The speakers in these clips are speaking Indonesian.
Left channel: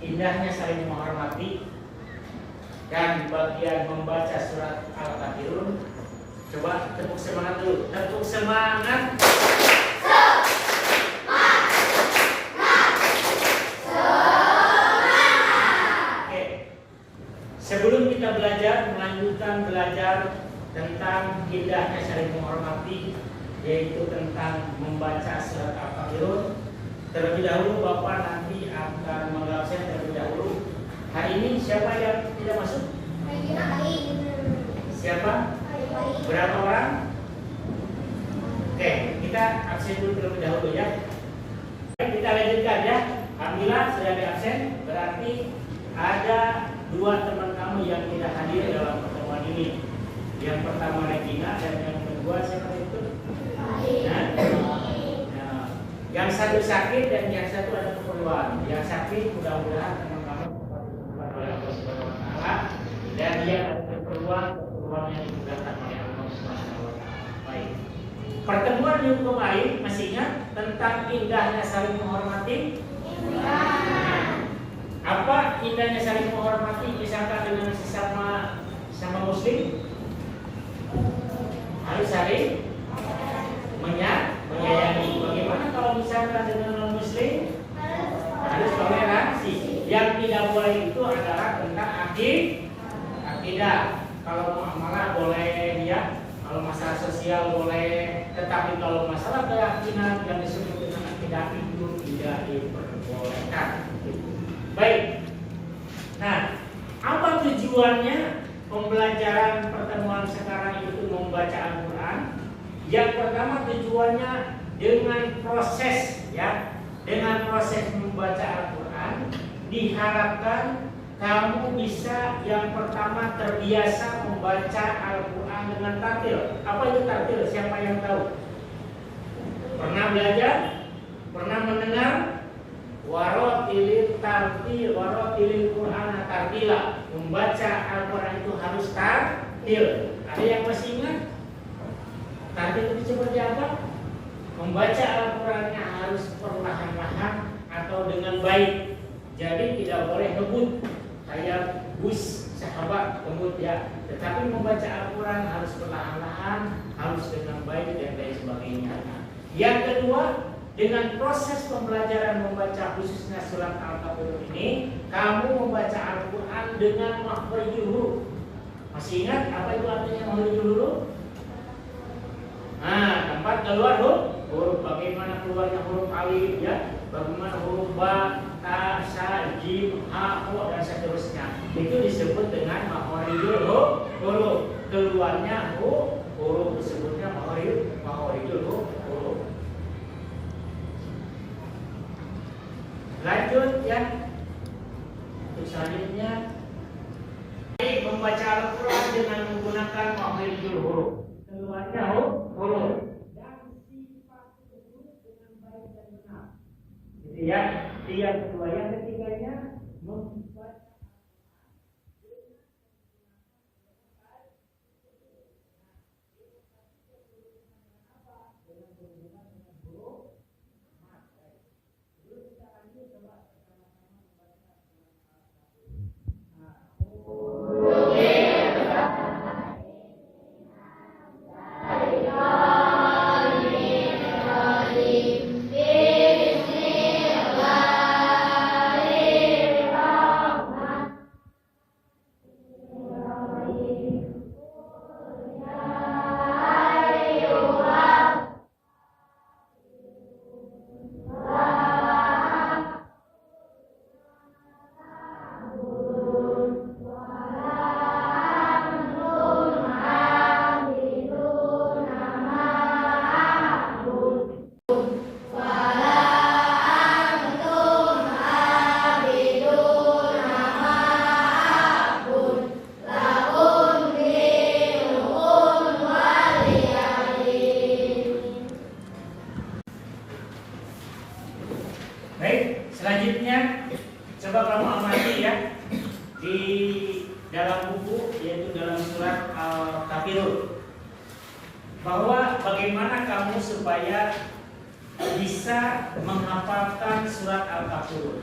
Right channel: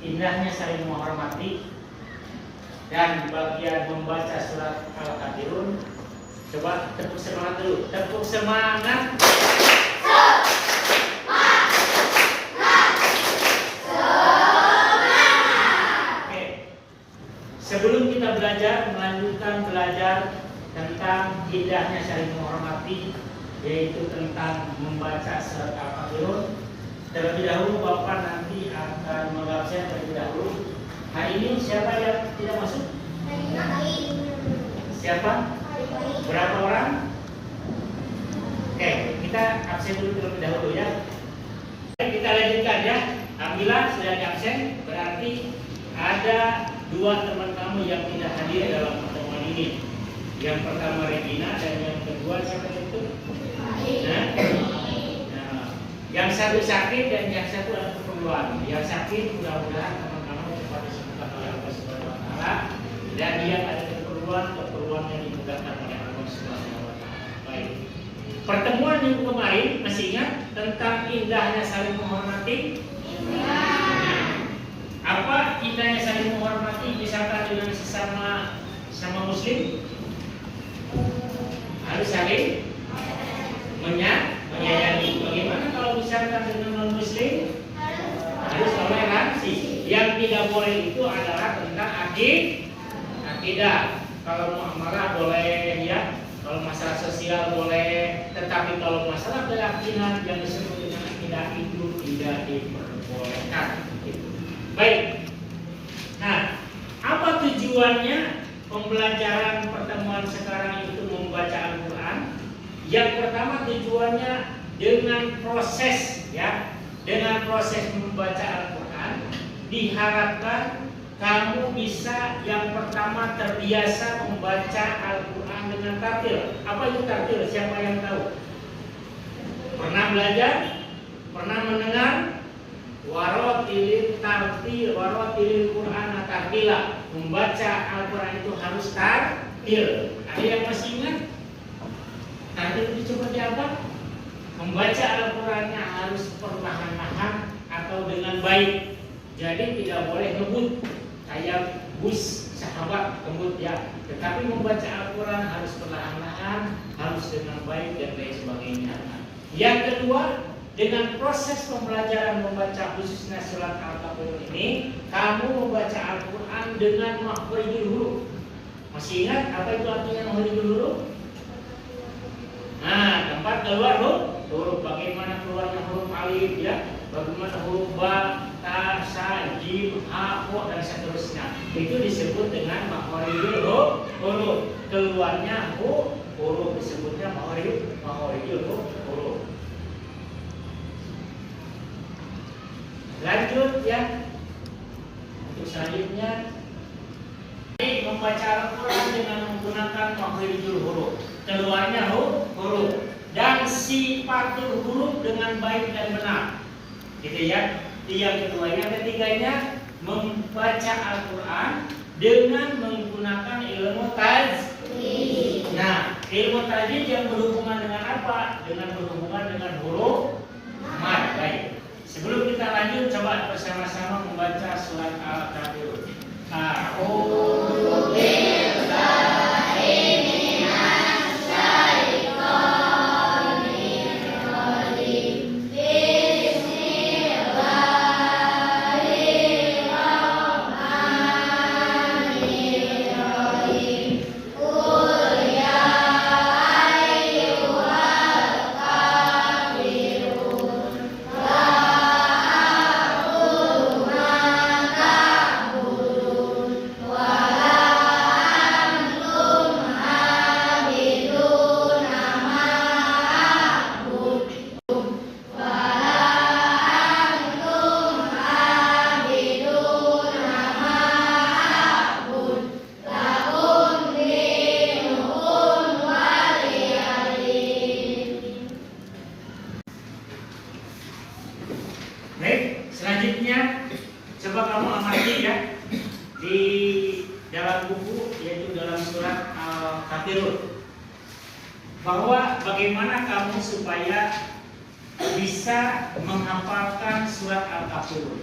indahnya saling menghormati dan bagian membaca surat Al-Kafirun. Coba tepuk semangat dulu. Tepuk semangat. Oke. Sebelum kita melanjutkan belajar tentang indahnya saling menghormati, yaitu tentang membaca surat Al-Kafirun, terlebih dahulu Bapak nanti akan mengabsen terlebih dahulu. Hari ini siapa yang tidak masuk? Siapa? Berapa orang? Oke, kita absen dulu terlebih dahulu ya. Kita lanjutkan ya. Alhamdulillah sudah di absen, berarti ada 2 teman kamu yang tidak hadir dalam pertemuan ini. Yang pertama Regina dan yang kedua siapa itu? Nah, yang satu sakit dan yang satu ada keperluan. Yang sakit mudah-mudahan teman-teman cepat disembuhkan oleh Allah Subhanahu wa taala, dan yang ada keperluan yang dimudahkan oleh Allah Subhanahu wa taala. Baik. Pertemuan minggu kemarin masih ingat tentang indahnya saling menghormati? Apa indahnya saling menghormati misalkan dengan sesama muslim? Harus saling menyayangi. Bagaimana kalau misalkan dengan non muslim? Harus toleransi. Yang tidak boleh itu adalah tentang akidah. Kalau muamalah boleh ya, kalau masalah sosial boleh, tetapi kalau masalah keyakinan yang disebut dengan akidah itu tidak diperbolehkan. Baik. Nah, apa tujuannya pembelajaran pertemuan sekarang itu membaca Al-Quran? Yang pertama tujuannya dengan proses ya, dengan proses membaca Al-Quran diharapkan kamu bisa yang pertama terbiasa membaca Al-Quran dengan tartil. Apa itu tartil? Siapa yang tahu? Pernah belajar? Pernah mendengar? Warotilil tartil, warotilil Quran tartila. Membaca Al-Quran itu harus tartil. Ada yang masih ingat? Tartil itu seperti apa? Membaca Al-Qurannya harus perlahan-lahan atau dengan baik. Jadi tidak boleh ngebut kayak bus sahabat ngebut ya. Tetapi membaca Al-Quran harus perlahan-lahan, harus dengan baik dan lain sebagainya. Yang kedua, dengan proses pembelajaran membaca khususnya surat Al-Kafirun ini, kamu membaca Al-Quran dengan makhrijul huruf. Masih ingat apa itu artinya makhrijul huruf? Nah, tempat keluar huruf. Bagaimana keluarnya huruf alif ya? Bagaimana huruf ba, ta, sa, jim, ha, ho dan seterusnya. Itu disebut dengan makhrijul huruf. Keluarnya huruf disebutnya makhrijul huruf. Lanjut ya. Untuk selanjutnya membaca Al-Quran dengan menggunakan makhrijul huruf. Keluarnya huruf dan sifatul huruf dengan baik dan benar. Gitu ya. Yang kedua, yang ketiganya membaca Al-Quran dengan menggunakan ilmu tajwid. Nah, ilmu tajwid yang berhubungan dengan apa? Dengan berhubungan dengan huruf mad. Baik. Sebelum kita lanjut, coba bersama-sama membaca surat Al-Kafirun. A'udzu billahi minasy syaithanir rajim. Bismillahirrahmanirrahim. Qul ya ayyuhal kafirun la Baik, selanjutnya coba kamu amati ya di dalam buku, yaitu dalam surat Al-Kafirun, bahwa bagaimana kamu supaya bisa menghafalkan surat Al-Kafirun.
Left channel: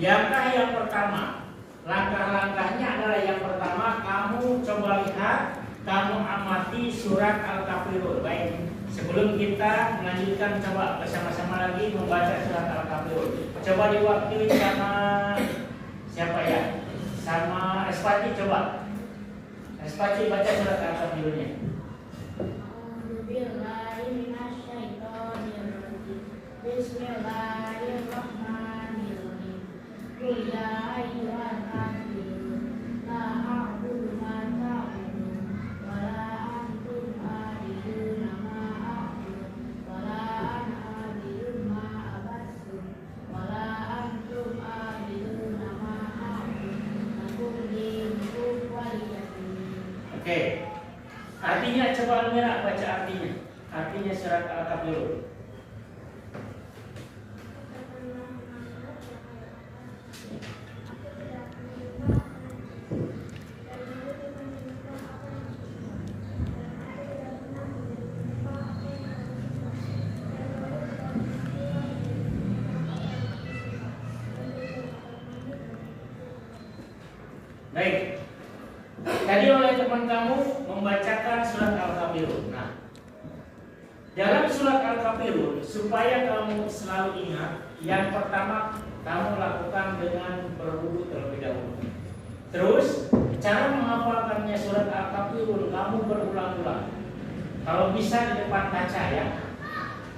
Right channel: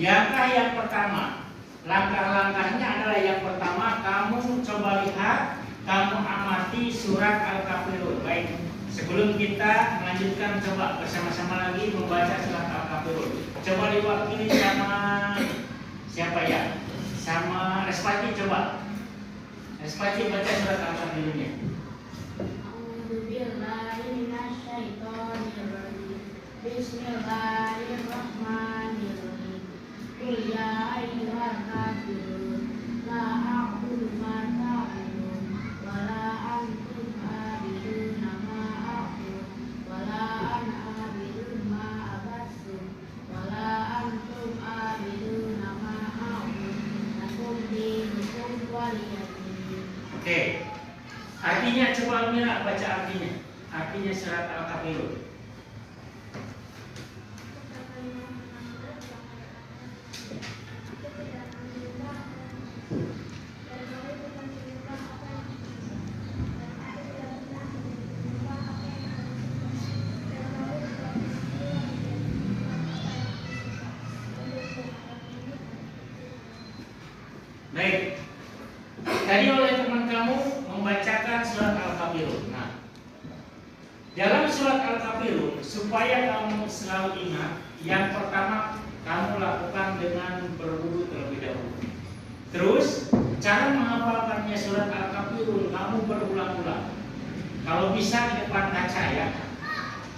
Langkah yang pertama, langkah-langkahnya adalah yang pertama kamu coba lihat, kamu amati surat Al-Kafirun. Baik, sebelum kita melanjutkan coba bersama-sama lagi membaca surat Al-Kafirun. Coba diwakili sama siapa ya? Sama Respati coba. Respati baca surat Al-Kafirunnya. Bismillahirrahmanirrahim. Qul ya ayyuhal kafirun la a'budu ma ta'budun wa la antum a'buduna ma a'budu wa la ana a'budu ma abattum wa la antum a'buduna ma a'budu lakum dinukum waliyadin. Oke. Artinya coba Almira baca artinya. Artinya surat Al-Kafirun. Baik. Tadi oleh teman kamu membacakan surat Al-Kafirun. Nah, dalam surat Al-Kafirun supaya kamu selalu ingat, yang pertama kamu lakukan dengan berwudu terlebih dahulu. Terus cara menghafalkannya surat Al-Kafirun kamu berulang-ulang. Kalau bisa di depan kaca ya.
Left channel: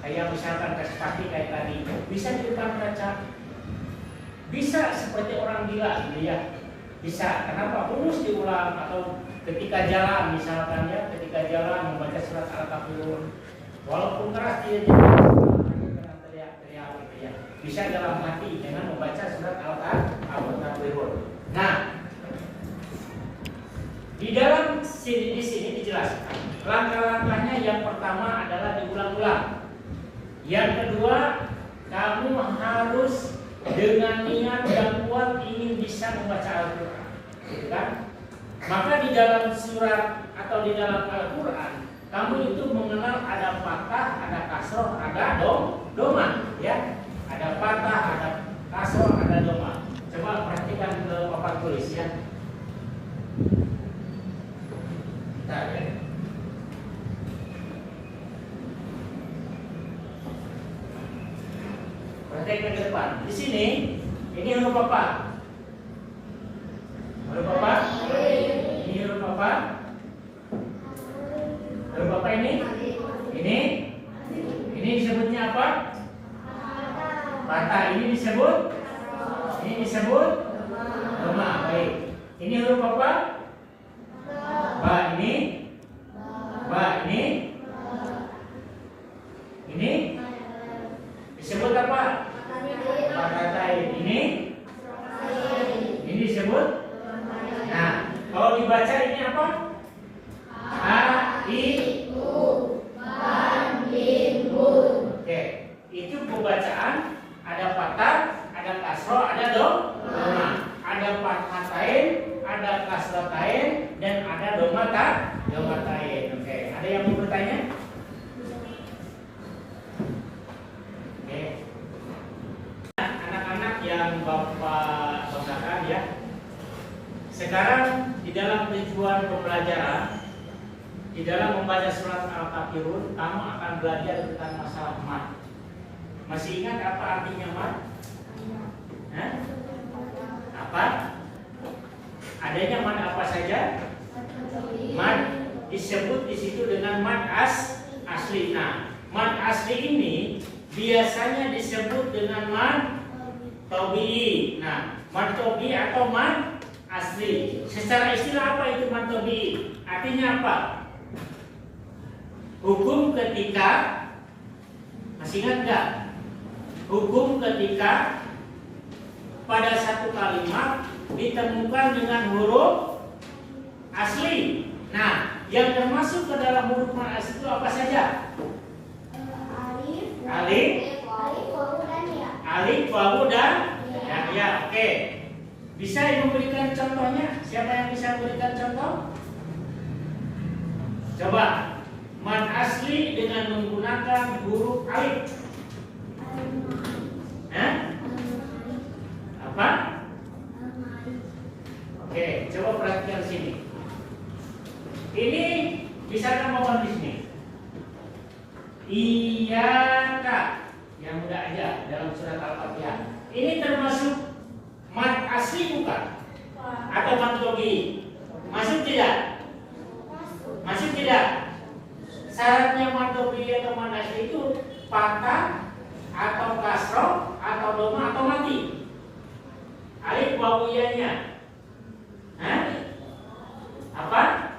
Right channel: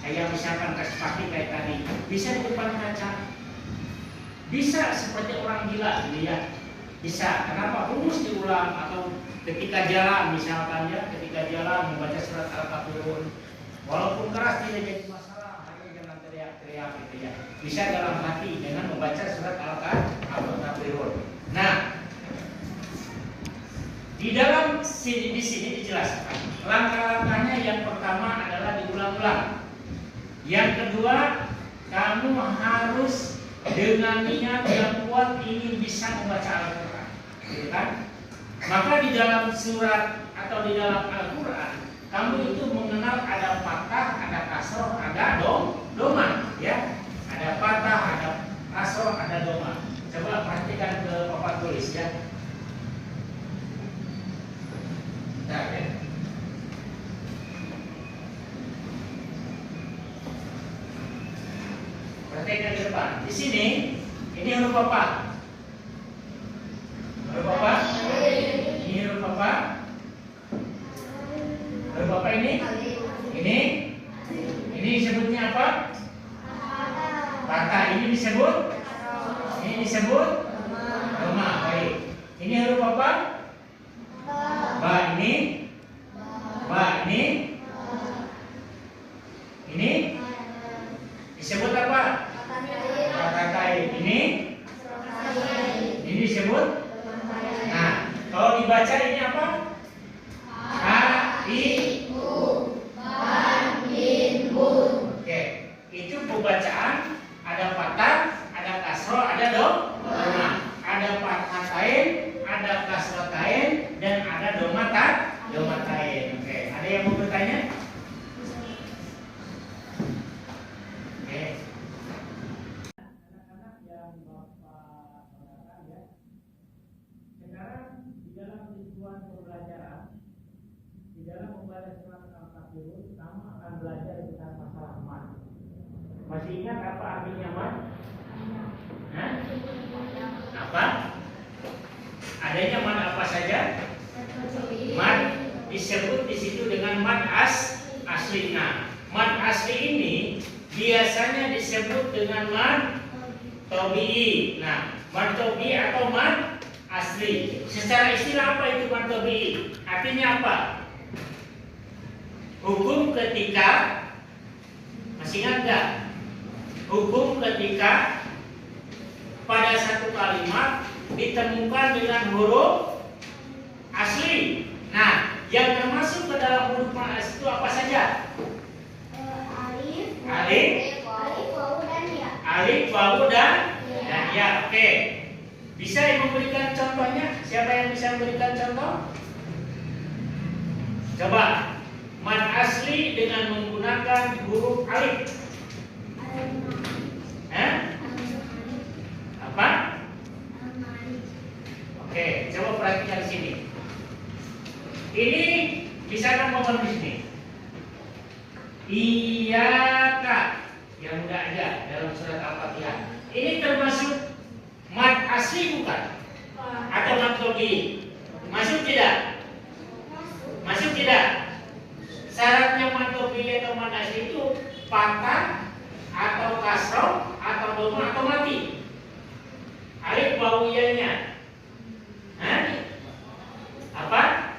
Kayak misalkan Respati kayak tadi, bisa di depan kaca. Bisa seperti orang gila ya. Bisa. Kenapa? Terus diulang atau ketika jalan misalkan ya, ketika jalan membaca surat Al-Kafirun. Walaupun keras tidak jangan teriak-teriak gitu ya. Bisa dalam hati dengan membaca surat Al-Kafirun. Nah, di dalam sini di sini dijelaskan langkah-langkahnya. Yang pertama adalah diulang-ulang. Yang kedua, kamu harus dengan niat yang kuat ingin bisa membaca Al-Quran, gitu kan? Maka di dalam surat atau di dalam Al-Quran kamu itu mengenal ada fathah, ada kasroh, ada doma, ya. Ada fathah, ada kasroh, ada doma. Coba perhatikan ke papan tulis ya. Nah, ya. Perhatikan ke depan. Di sini, ini huruf apa? Huruf apa? Ini huruf apa? Huruf apa ini? Ini disebutnya apa? Fathah. Ini disebut? Ini disebut? Doma. Baik. Ini huruf apa? Ba. Ini? Ba. Ini disebut apa? Fathah. Ini disebut? Nah, kalau dibaca ini apa? Oke, itu pembacaan ada fathah, ada kasroh, ada doma, ada fathatain, ada kasrotain, dan ada domatain. Oke, ada yang mau bertanya? Oke, anak-anak yang Bapak banggakan ya. Sekarang di dalam tujuan pembelajaran, di dalam membaca surat Al-Kafirun, kamu akan belajar tentang masalah mad. Masih ingat apa artinya mad? Apa? Adanya mad apa saja? Mad disebut di situ dengan mad asli. Nah, mad asli ini biasanya disebut dengan mad tabi'i. Nah, mad tabi'i atau mad asli. Secara istilah apa itu mad tabi'i? Artinya apa? Hukum ketika, masih ingat nggak? Hukum ketika pada satu kalimat ditemukan dengan huruf asli. Nah, yang termasuk ke dalam huruf asli itu apa saja? Alif, wawu, dan ya. Oke. Bisa yang memberikan contohnya? Siapa yang bisa memberikan contoh? Coba. Mad asli dengan menggunakan huruf alif. Apa? Oke, coba perhatikan di sini. Ini bisa kan mohon di sini. Iyaka yang udah ada dalam surat Al-Fatihah. Ini termasuk mad asli bukan? Atau mad logi? Masuk tidak? Masuk tidak? Syaratnya mad logi atau mad asli itu patah atau kasroh atau doma atau mati. Alif wawiyahnya. Hah? Apa?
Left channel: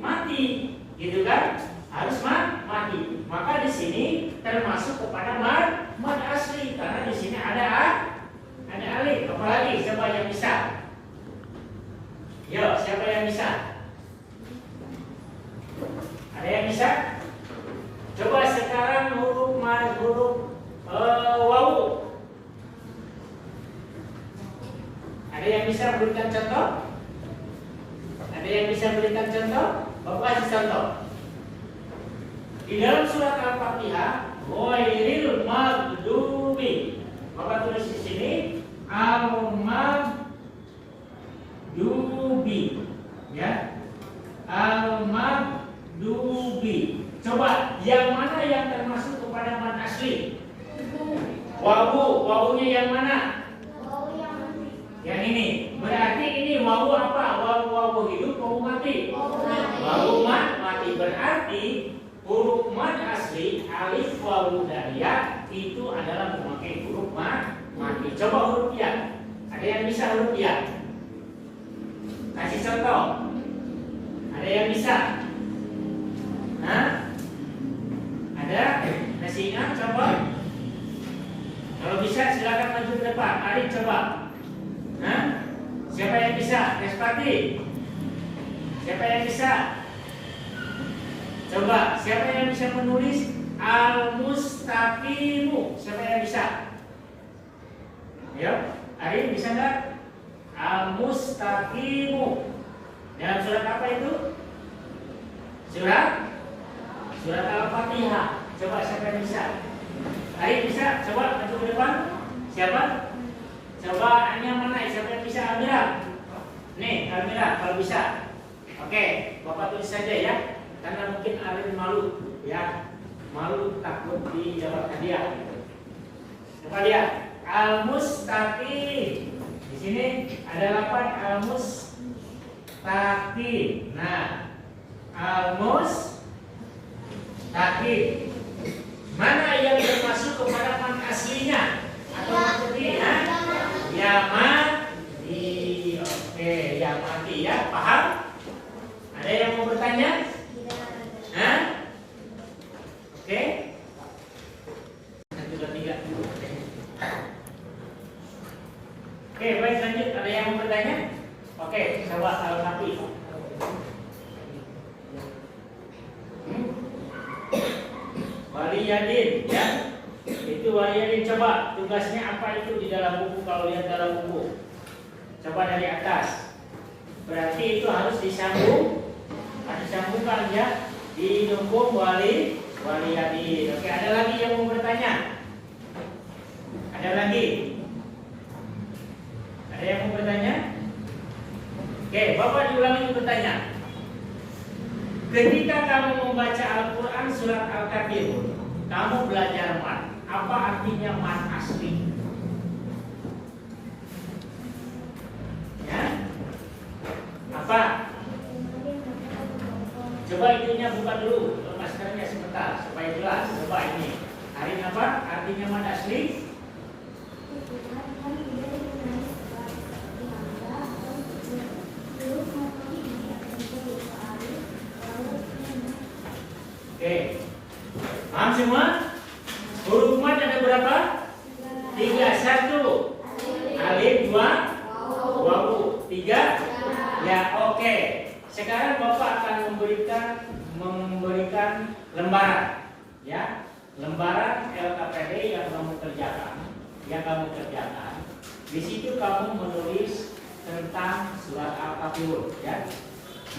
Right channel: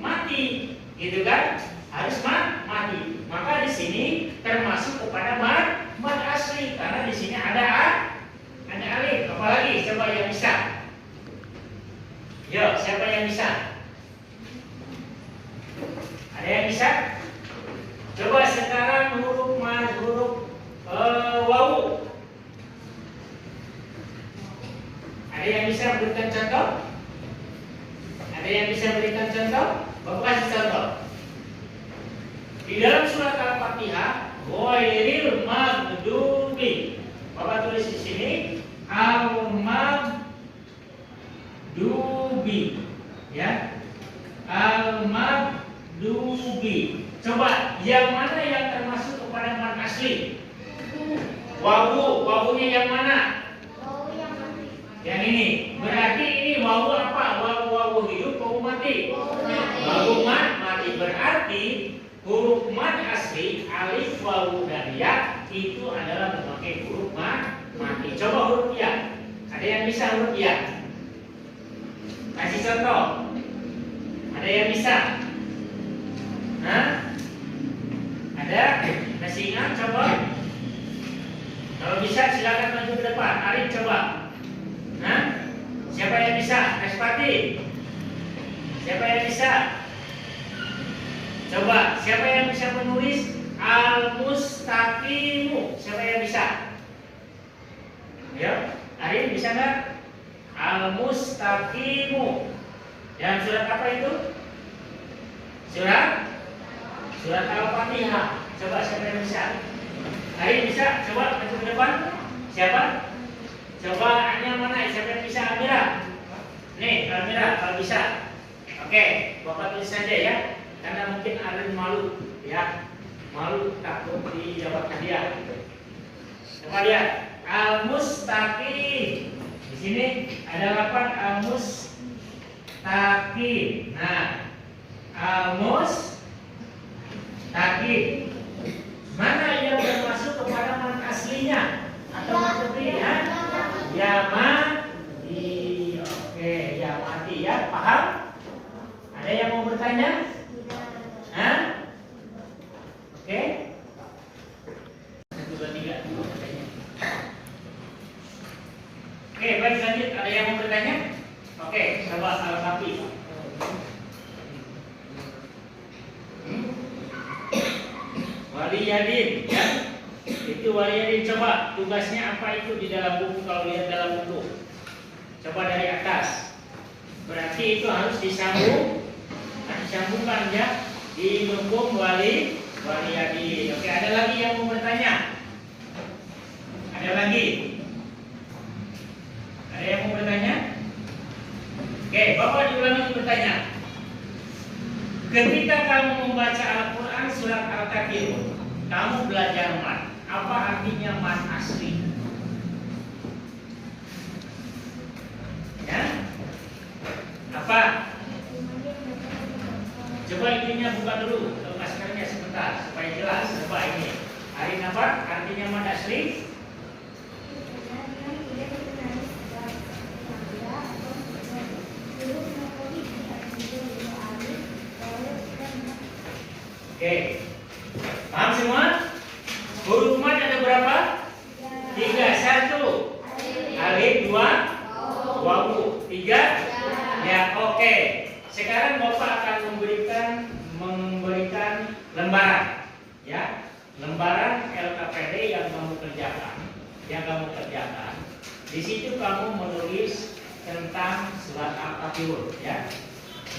Mati, gitu kan? Harus mati. Maka di sini termasuk kepada mad asli karena di sini ada alif. Apalagi siapa yang bisa? Yo, siapa yang bisa? Ada yang bisa? Coba sekarang huruf wawu. Ada yang bisa berikan contoh? Ada yang bisa berikan contoh? Bapak kasih contoh. Di dalam surat Al-Fatihah, ghairil maghdubi. Bapak tulis di sini al-maghdubi. Ya. Al-maghdubi. Coba yang mana yang termasuk kepada mad asli? Wawu, yang mana? Yang ini. Berarti ini wawu apa? Wawu hidup, wawu mati. Wawu mati berarti huruf mad asli alif wawu dan ya itu adalah memakai huruf mati. Coba huruf ya. Ada yang bisa huruf ya? Kasih contoh. Ada yang bisa? Hah? Ada? Masih ingat? Coba. Kalau bisa silakan maju ke depan. Arif coba. Hah? Siapa yang bisa? Nespati. Siapa yang bisa? Coba. Siapa yang bisa menulis al-mustaqimu? Siapa yang bisa? Ya, Arif bisa nggak? Al-mustaqimu. Dalam surat apa itu? Surat Al-Fatihah. Coba siapa yang bisa? Arif bisa? Coba maju ke depan. Siapa? Coba hanya mana? Siapa yang bisa? Almira. Nih, Almira kalau bisa. Oke, Bapak tulis saja ya. Karena mungkin Arif malu, ya. Malu takut dijawab hadiah. Coba lihat. Al-mustaqim. Di sini ada lafaz al-mustaqim. Nah, al-mustaqim. Mana yang termasuk kepada mad aslinya? Atau maksudnya? Ya mati. Oke, ya mati ya. Paham? Ada yang mau bertanya? Hah? Oke. Satu, dua, tiga. Oke, baik lanjut. Ada yang mau bertanya? Oke, coba Al-Kafi. Waliyadin, ya. Itu waliyadin. Coba tugasnya apa itu di dalam buku kalau lihat dalam buku. Coba dari atas. Berarti itu harus disambung. Harus disambungkan ya. Didukung waliyadin. Oke, ada lagi yang mau bertanya? Ada lagi? Ada yang mau bertanya? Oke, Bapak diulangi bertanya. Ketika kamu membaca Al-Quran surat Al-Kafirun, kamu belajar mad. Apa artinya mad asli? Ya? Apa? Coba itunya buka dulu, maskernya sebentar supaya jelas. Coba ini. Hari apa? Artinya mad asli? Oke, paham semua? Huruf mad ada berapa? 3. 1 alif, 2 wawu, 3 ya. Oke. Sekarang Bapak akan memberikan lembaran ya, lembaran LKPD yang kamu kerjakan. Di situ kamu menulis tentang surat Al-Kafirun ya.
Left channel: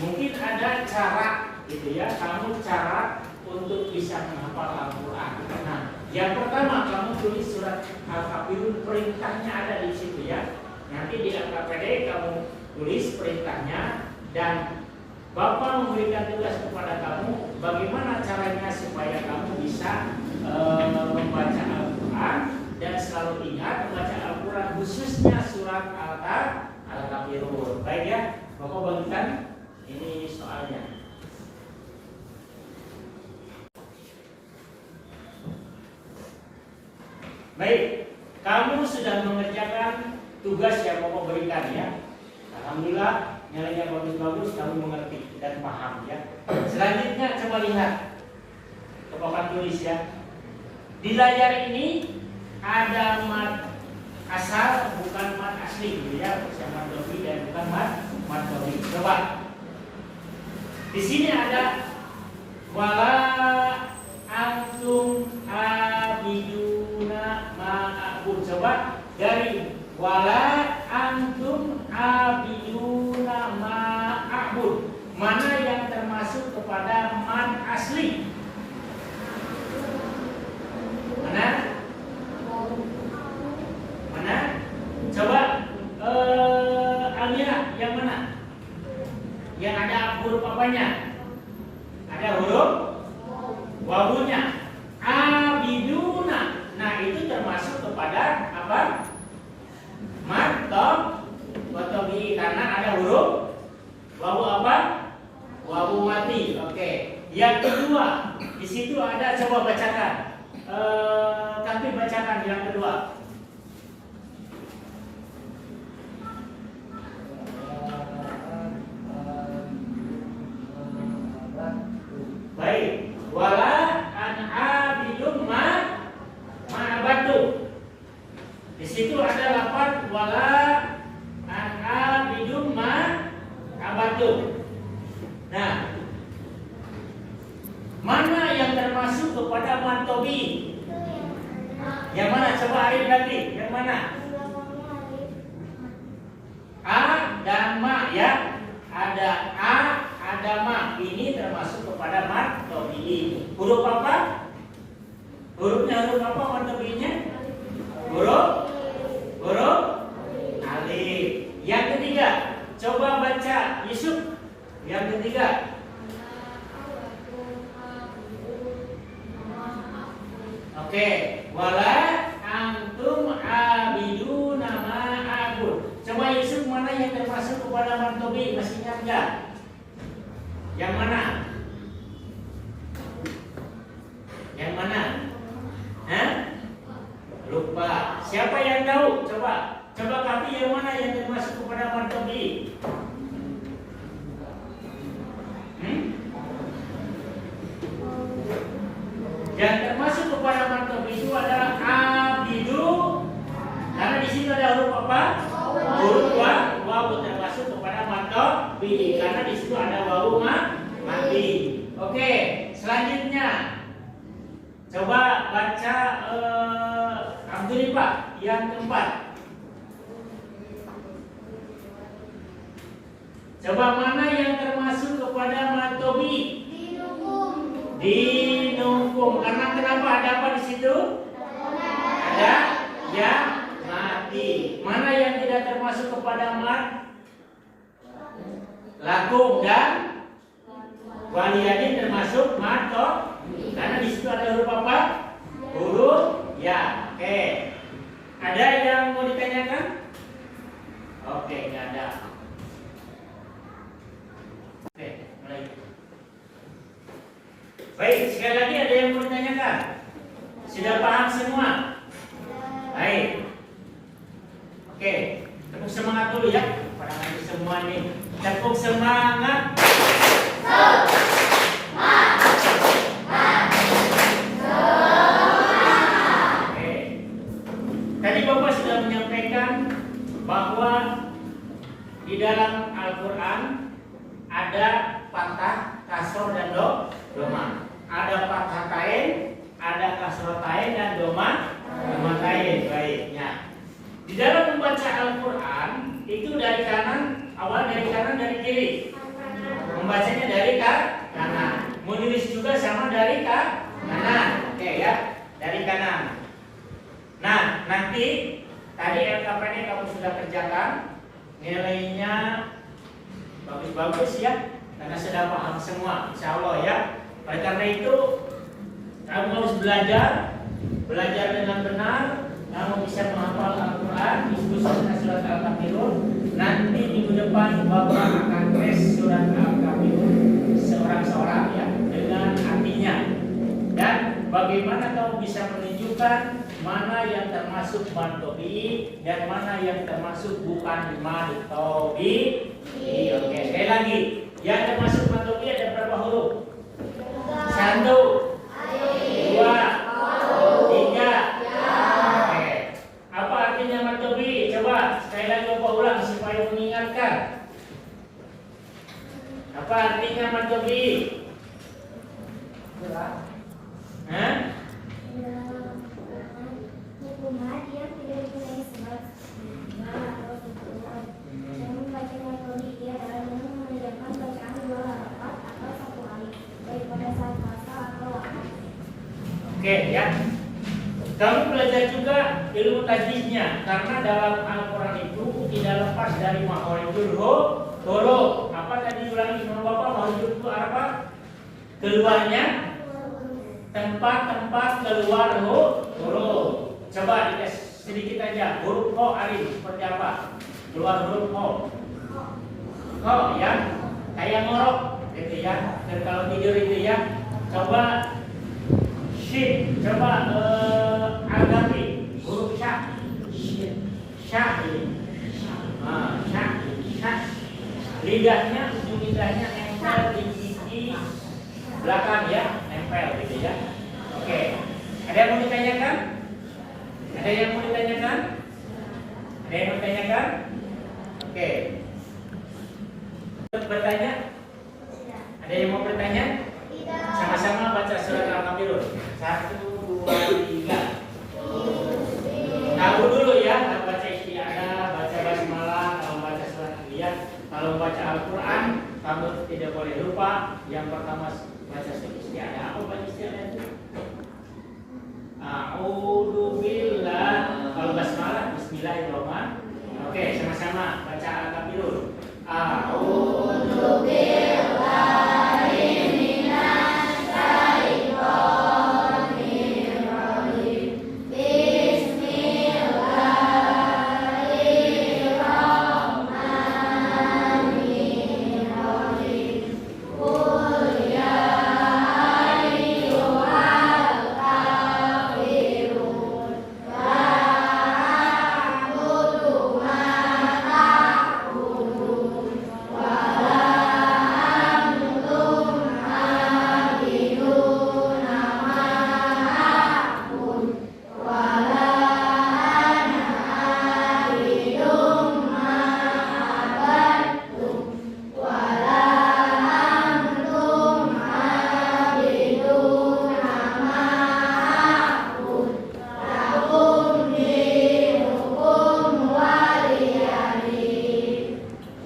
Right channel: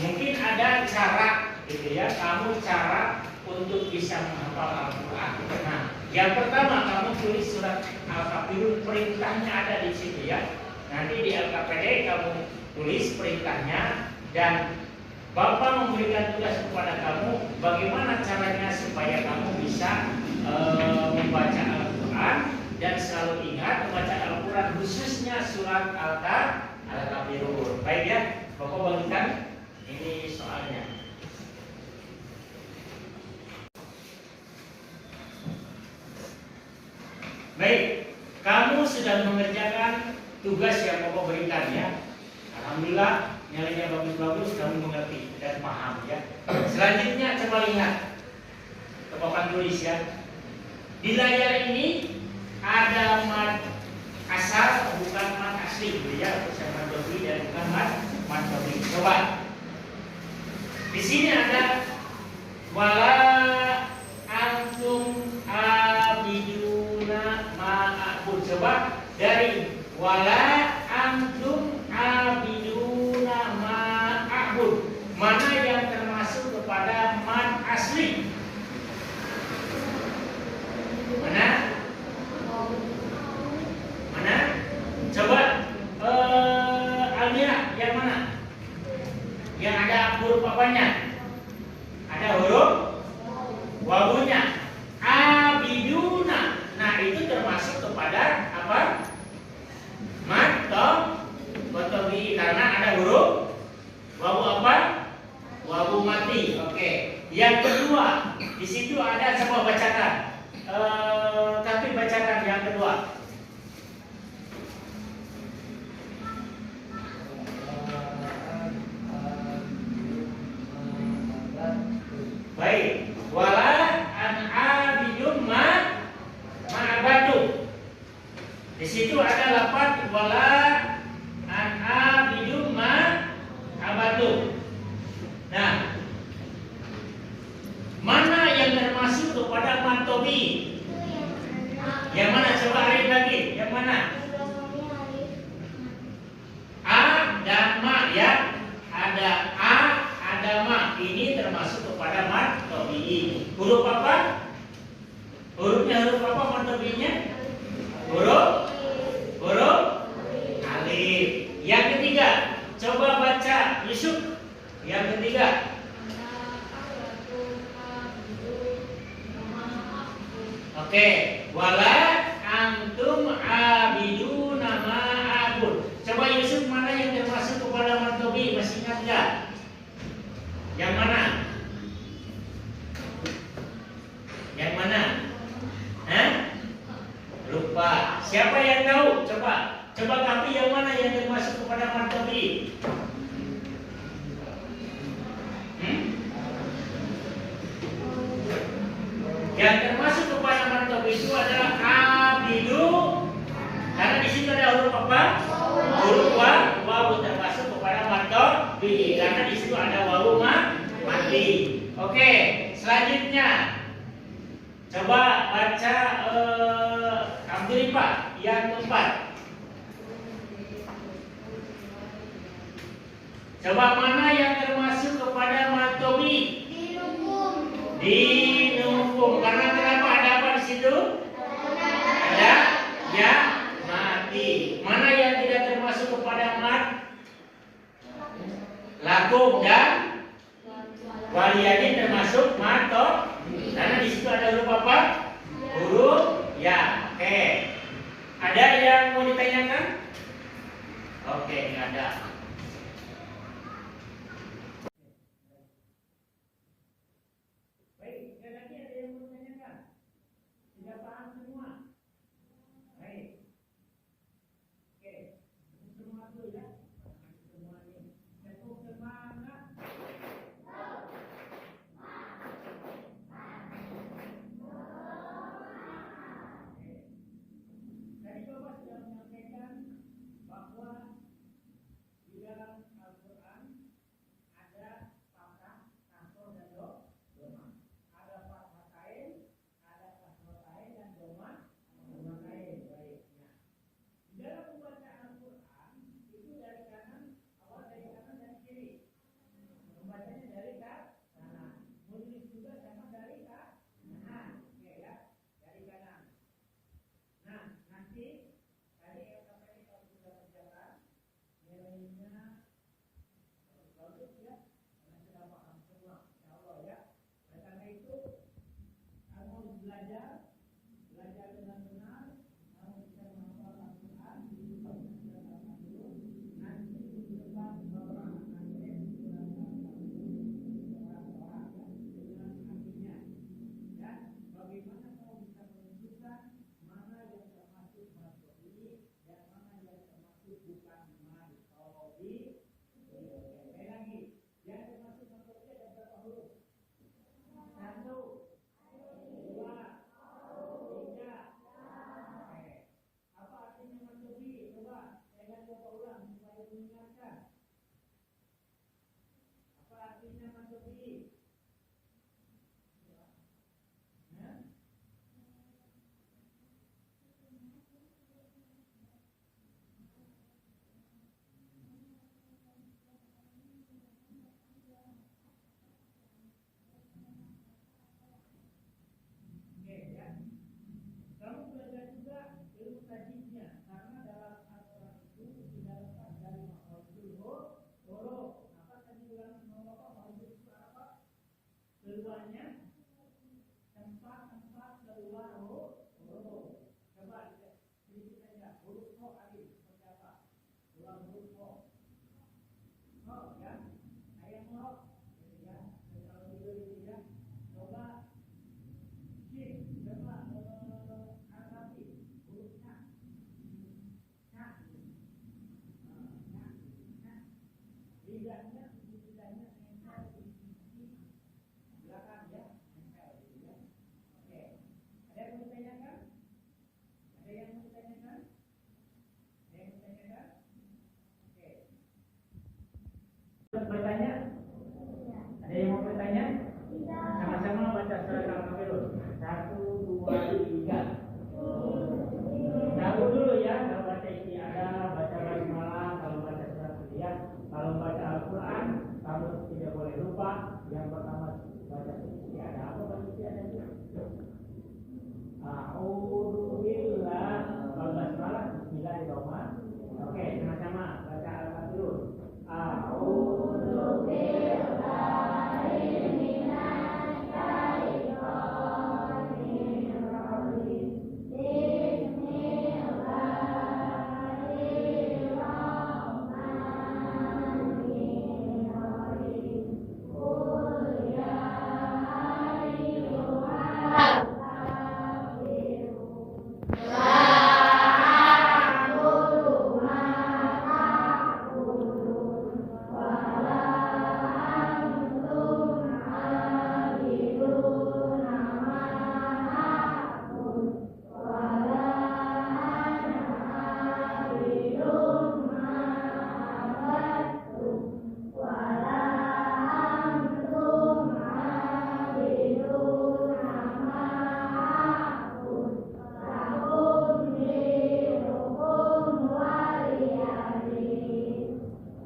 Mungkin ada cara gitu ya, kamu cara untuk bisa menghafal Al-Quran. Nah, yang pertama kamu tulis surat Al-Kafirun, perintahnya ada di situ ya. Nanti di LKPD kamu tulis perintahnya dan Bapak memberikan tugas kepada kamu bagaimana caranya supaya kamu bisa membaca Al-Quran dan selalu ingat membaca Al-Quran khususnya surat Al-Kafirun. Baik ya, Bapak bagikan ini soalnya. Baik, kamu sudah mengerjakan tugas yang Bapak berikan ya. Alhamdulillah nilainya bagus-bagus, kamu mengerti dan paham ya. Selanjutnya coba lihat ke Bapak tulis ya. Di layar ini ada mat asal bukan mat asli gitu ya, bukan mat dobi dan bukan mat dobi. Coba. Di sini ada wala antum abiduna ma'abud. Coba dari wala antum abiduna ma'abud, mana yang termasuk kepada mat asli? Mana? Mana? Coba Alia, yang mana? Yang ada huruf apanya? Ada huruf wawunya. Abiduna. Nah, itu termasuk kepada apa? Mat tobi, karena ada huruf wawu apa? Wawu mati. Oke. Yang kedua, di situ ada, coba bacakan. Tapi bacakan yang kedua. Baik, wala an abidun ma'abadu. Di situ ada lafaz wala an abidun ma'abadu. Nah, mana yang termasuk kepada mantobi? Yang mana? Coba Arif lagi. Yang mana? A dan ma ya. Ada a, ada ma. Ini termasuk kepada mantobi. Huruf apa? Hurufnya huruf apa mantobinya? Huruf alif. Yang ketiga, coba baca Yusuf. Yang ketiga. Oke, wala antum abiduna ma'abud. Coba Yusuf, mana yang termasuk kepada mantobi? Masih ingat enggak? Yang mana? Yang mana? Hah? Lupa. Siapa yang tahu? Coba kami yang mana yang termasuk kepada mantobi? Yang termasuk kepada mantobi itu adalah abidu, karena di situ ada huruf apa? Huruf wawu termasuk kepada mantobi, karena di situ ada wawu mati. Oke, selanjutnya coba baca Abdullah yang keempat. Coba mana yang termasuk kepada mantobi? Dinungkum. Karena kenapa? Ada apa di situ? Ada ya mati. Mana yang tidak termasuk kepada mat? Lakum dan waliyadin termasuk mat toh? Karena di situ ada huruf apa? Huruf ya. Oke. Ada yang mau ditanyakan? Oke, nggak ada. Baik, sekali lagi ada yang mau ditanyakan? Sudah paham semua? Baik. Oke, tepuk semangat dulu ya. Pada nanti semua nih. Tepuk semangat. Oke. Tadi Bapak sudah menyampaikan bahwa di dalam Al-Quran ada fathah, kasroh dan doma. Ada fathah tain, ada kasroh tain dan doma tain. Baiknya. Di dalam membaca Al-Quran itu dari kanan, awal dari kanan dari kiri. Membacanya dari kanan. Menulis juga sama dari kanan. Oke ya, dari kanan. Nah, nanti tadi LKPD kamu sudah kerjakan, nilainya bagus-bagus ya, karena sudah paham semua, insya Allah ya. Oleh karena itu, kamu harus belajar dengan benar. Kamu bisa menghafal Al-Quran, khususnya surat Al-Kafirun. Nanti minggu depan Bapak akan tes surat Al-Kafirun seorang-seorang ya, dengan artinya. Dan bagaimana kamu bisa menunjukkan mana yang termasuk mantobi dan mana yang termasuk bukan mantobi. Oke, sekali lagi, yang termasuk mantobi ada berapa huruf? 1, 2, 3. Oke. Apa artinya mantobi? Coba sekali lagi Bapak ulang supaya mengingatkan. Apa artinya mantobi? Hah? Hukuman yang tidak dikenai sebab atau sempurna. Yang membaca metode dia adalah dengan mengerjakan bacaan 2 rakaat atau 1 kali, baik pada saat puasa atau waktu. Oke ya. Kamu belajar juga ilmu tajwidnya, karena dalam Al-Quran itu tidak lepas dari makhorijul huruf. Apa tadi ulangi sama Bapak? Makhorijul itu apa? Keluarnya tempat-tempat keluar huruf. Coba dites sedikit aja. Huruf ho Arif seperti apa? Keluar huruf ho. Ho ya. Kayak ngorok gitu ya. Dan kalau tidur itu ya. Coba shin. Coba agapi. Huruf sya. Sya ini. Sya. Lidahnya, ujung lidahnya nempel di gigi belakang ya. Nempel gitu ya. Oke. Ada yang mau ditanyakan? Ada yang mau ditanyakan? Ada yang mau ditanyakan? Oke. Bertanya? Ada yang mau bertanya? Sama-sama baca surat Al-Kafirun. 1, 2, 3. Tahu dulu ya, kalau baca istiadah, baca basmalah, kalau baca surat Al-Anbiya, kalau baca Al-Quran, kamu tidak boleh lupa. Yang pertama baca surat istiadah. Apa baca istiadah itu? A'udzu billah. Kalau basmalah bismillahirrahmanirrahim. Oke, sama-sama baca Al-Kafirun. A'udzu billahi minas syaitonir rajim. Bismillahirrahmanirrahim. Qul ya ayyuhal kafirun la a'budu ma ta'budun wa la antum 'abiduna ma a'bud wa la ana 'abidun ma 'abadtum wa la antum 'abiduna ma a'bud lakum dinukum waliyadin.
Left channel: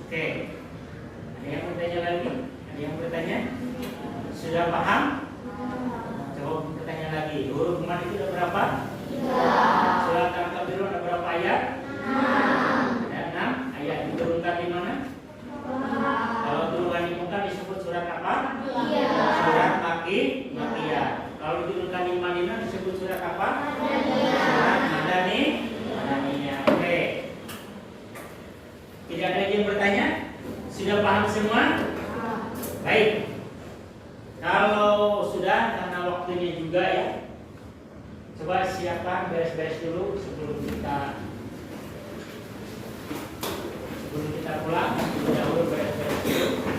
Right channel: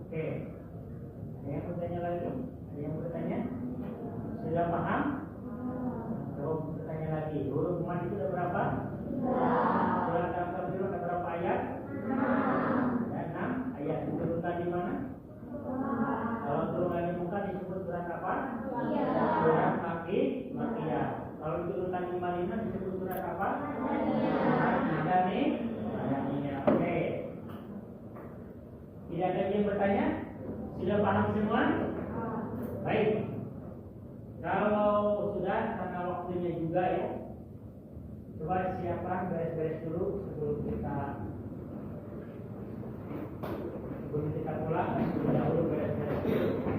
Oke, ada yang mau tanya lagi? Ada yang mau bertanya? Sudah paham? Coba bertanya lagi. Huruf mat itu ada berapa? 3. Surat Al-Kafirun ada berapa ayat? 6. Ada 6. Ayat diturunkan di mana? Kalau turunkan di Mekah disebut surat apa? Surat Makkiyah. Kalau diturunkan di Madinah disebut surat apa? Surat Madaniyah. Oke. Tidak ada yang bertanya? Sudah paham semua? Baik. Kalau sudah, karena waktunya juga ya, coba siapkan beres-beres dulu sebelum kita pulang. Dahulu beres-beres dulu.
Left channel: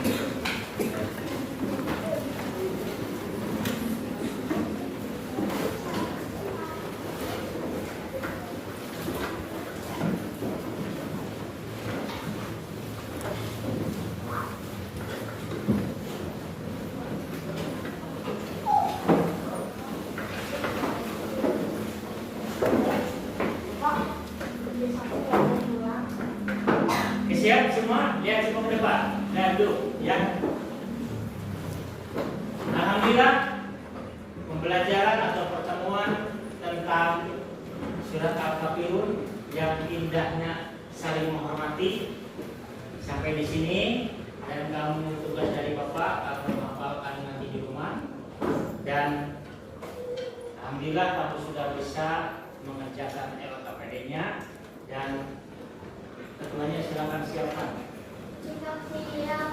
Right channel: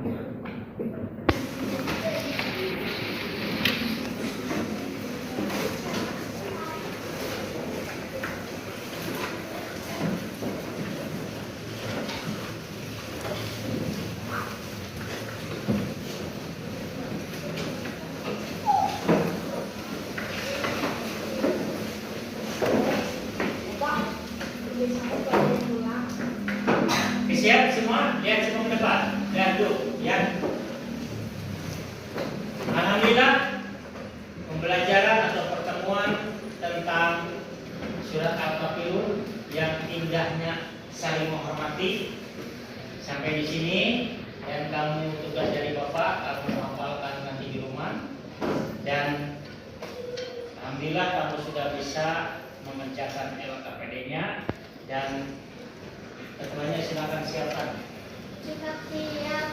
Siap semua? Lihat semua ke depan. Dan tuh, ya. Alhamdulillah, pembelajaran atau pertemuan tentang surat Al-Kafirun yang indahnya mengerti sampai di sini. Dan kamu tugas dari Bapak, kamu hafalkan nanti di rumah. Dan alhamdulillah kamu sudah bisa mengerjakan LKPD-nya. Dan ketuanya silakan siapkan. Sikap siap.